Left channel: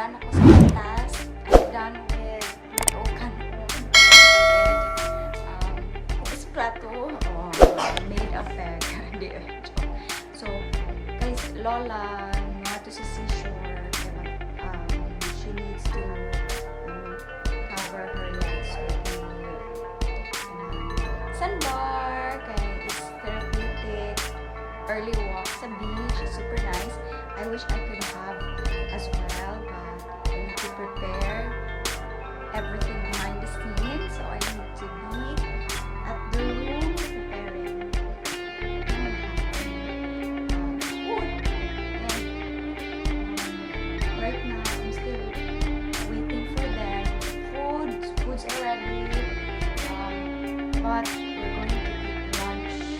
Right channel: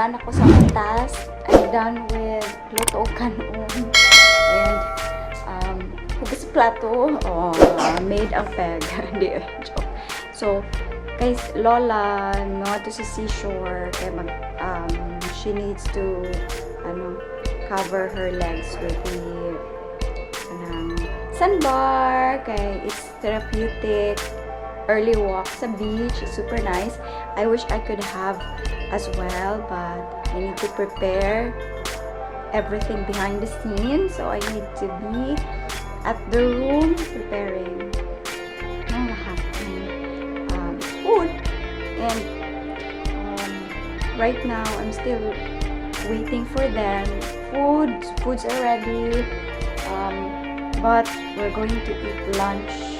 done ako sa mga task. I'm done with luto kanon. And hugas plato. Oh, made ang peg. Hindi, joke. So, guys, Lola, mga to sa seashore. Kaya she needs to cover her legs with the sandbar. Kaya it's therapeutic. Early walk sa beach. It's super nice. I wish I could have as well, but I need to prepare everything behind the scenes. So I need to be at the room preparing food. And right now, I'm still waiting for them. Foods are ready. But we're going to eat lunch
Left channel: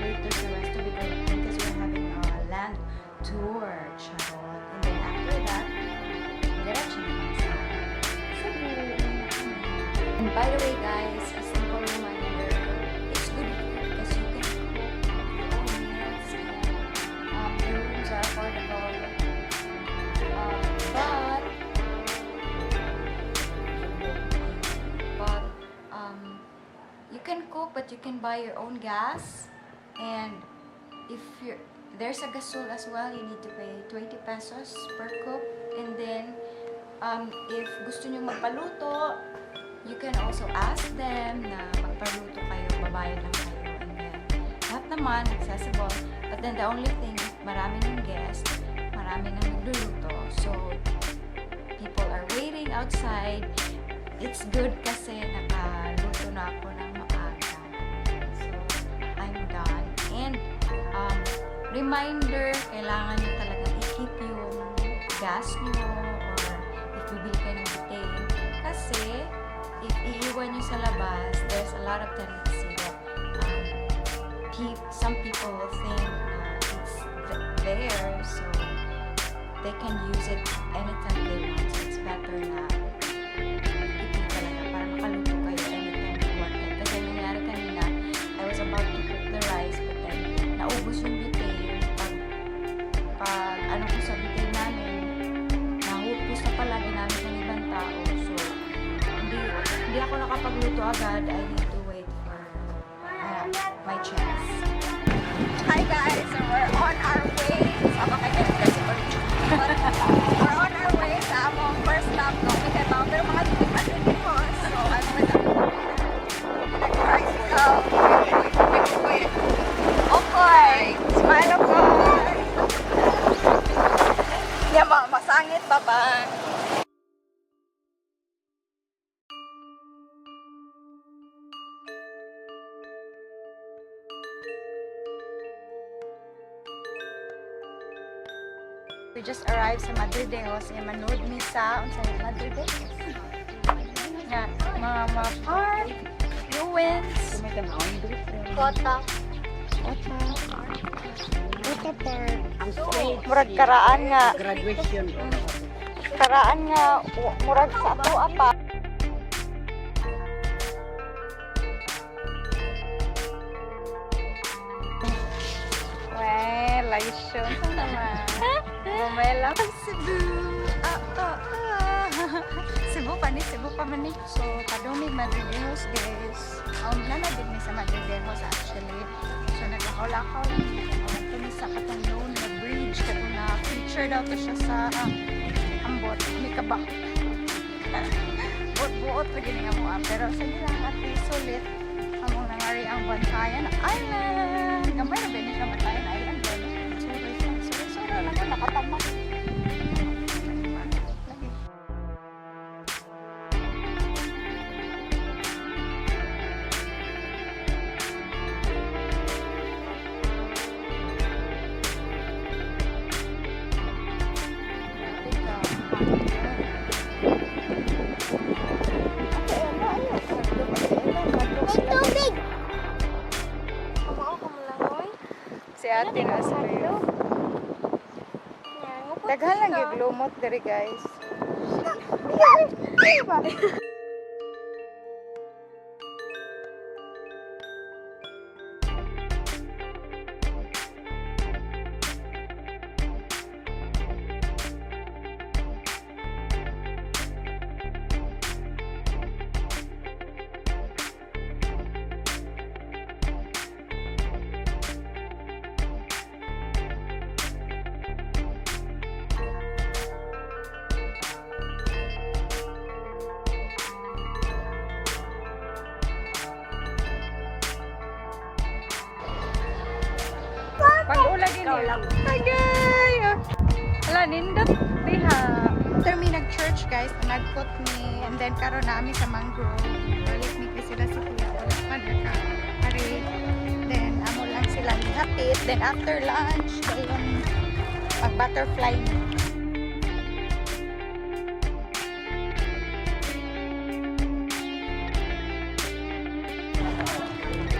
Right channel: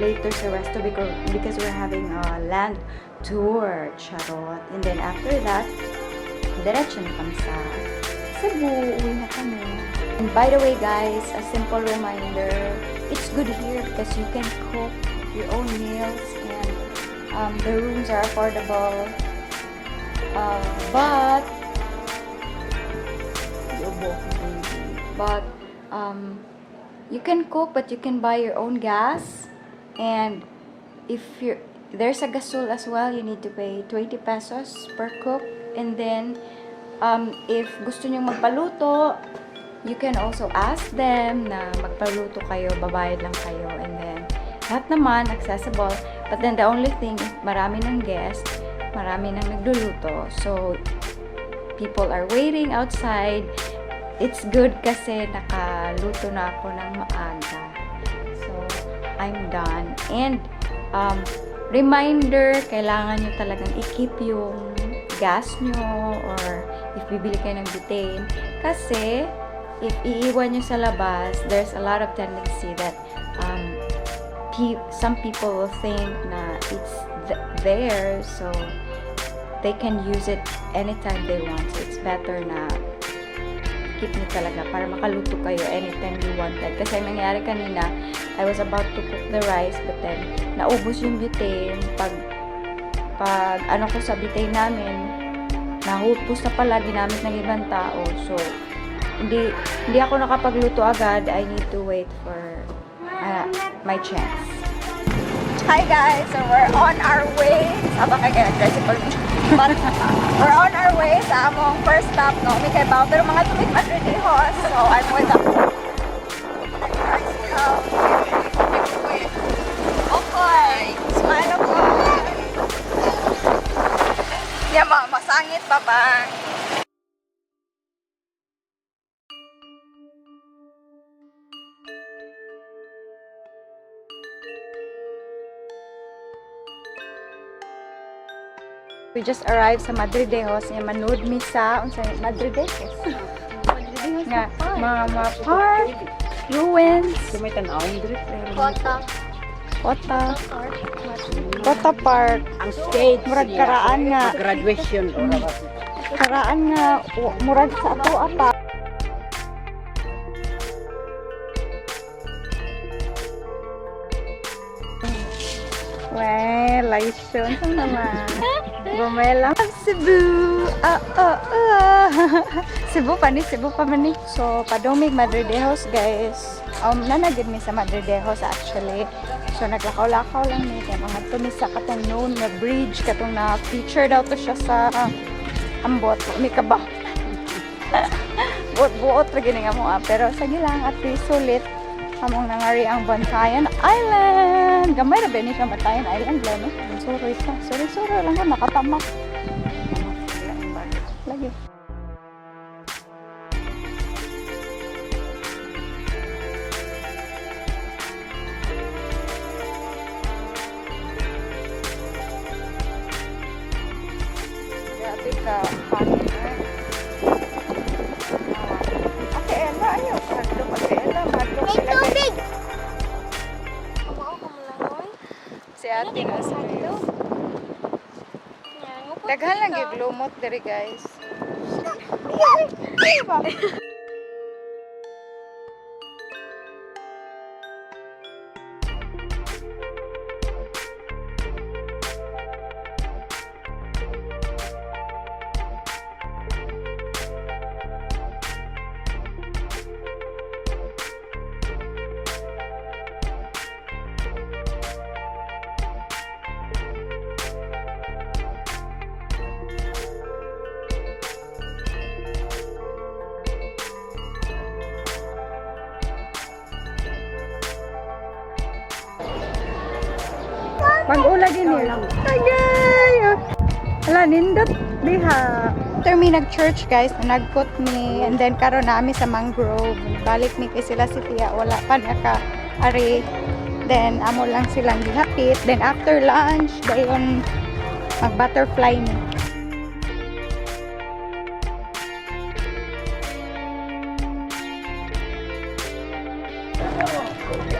later sa resto because we're having a land tour, charot. And then after that, diretso na kami sa Cebu. Uwi na kami. And by the way guys, a simple reminder, it's good here because you can cook your own meals and the rooms are affordable. But you can cook, but you can buy your own gas. And if there's a gasol as well, you need to pay 20 pesos per cook. And then if gusto nyo magpaluto, you can also ask them na magpaluto kayo, babayad lang kayo. And then lahat naman accessible. But then the only thing, marami ng guest, marami nang nagluluto. So people are waiting outside. It's good kasi nakaluto na ako ng maaga. So, I'm done. And, reminder, kailangan nyo talagang i-keep yung gas nyo or if bibili kayo ng butane. Kasi, if iiwan nyo sa labas, there's a lot of tendency that some people will think na it's there, so they can use it anytime they want. So, it's better na keep nyo talaga para makaluto kayo anytime you wanted. Kasi nangyari kanina, I was about to cook the rice but then naubos yung butane. Pag ano ko sa butane namin, nahupos na pala, ginamit ng ibang tao. So, hindi ako nakapagluto agad. I need to wait for my chance. Hi guys! So, we're on our way. Saba ka ganyan, but we're on our way sa among first stop, no? May kay Bao, pero mga tumig madrinihos. So, I'm with the okay. Smile ako. Yan, masangit pa ba? We just arrived sa Madridejos. Manood mi sa Madridejos. Nga, mga park, ruins, Kota Park. Murag karaan nga. Graduation. Karaan nga, murag sa ato apa. Well, laisyon sa naman. Bumela Cebu. Cebu pa ni. So, padumig Madridejos, guys. Nanagid mi sa Madridejos actually. So, naglakaw-lakaw lang mi kay mga tumi sa katong known na bridge, katong na feature daw to siya sa ambot. May kaba. Buot-buot lagi nga mo pero sige lang at least sulit. Among nangari ang Bantayan Island. Gamay na ba ni siya Bantayan Island, no? Sorry lang nga, nakatamak. Lagi. Grabe ka, hangin na. Ate Ella, ayaw. Hadlok, Ate Ella, hadlok. May tubig! Si ate na sa iyo. Daghan lang yung lumot diri guys. niya. Tagay! Ala, nindot diha. After me nag-church guys, nagkot me, and then karon na mi sa mangrove. Balik mi kay sila si Tia, wala pa naka-ari. Then amo lang silang gihapit. Then after lunch, dayon mag-butterfly mi.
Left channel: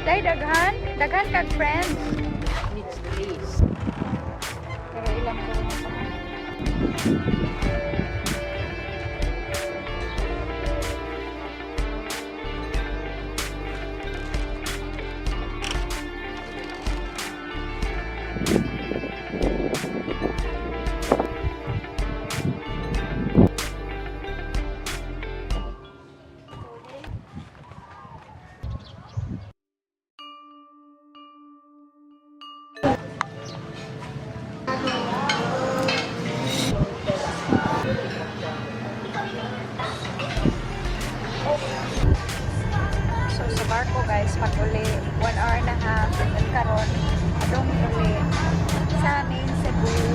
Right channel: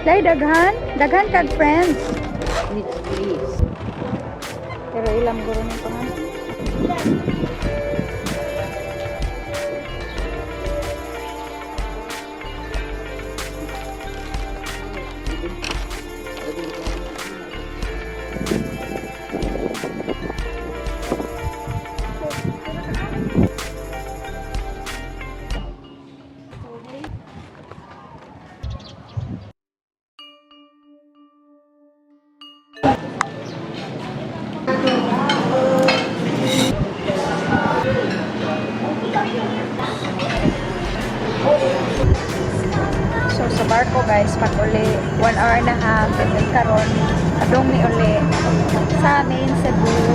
Day daghan kag friends. Pero ilang guro na pangalan. So sa barko guys, pag uli 1 hour and a half, and then karon adong mi uli sa main Cebu.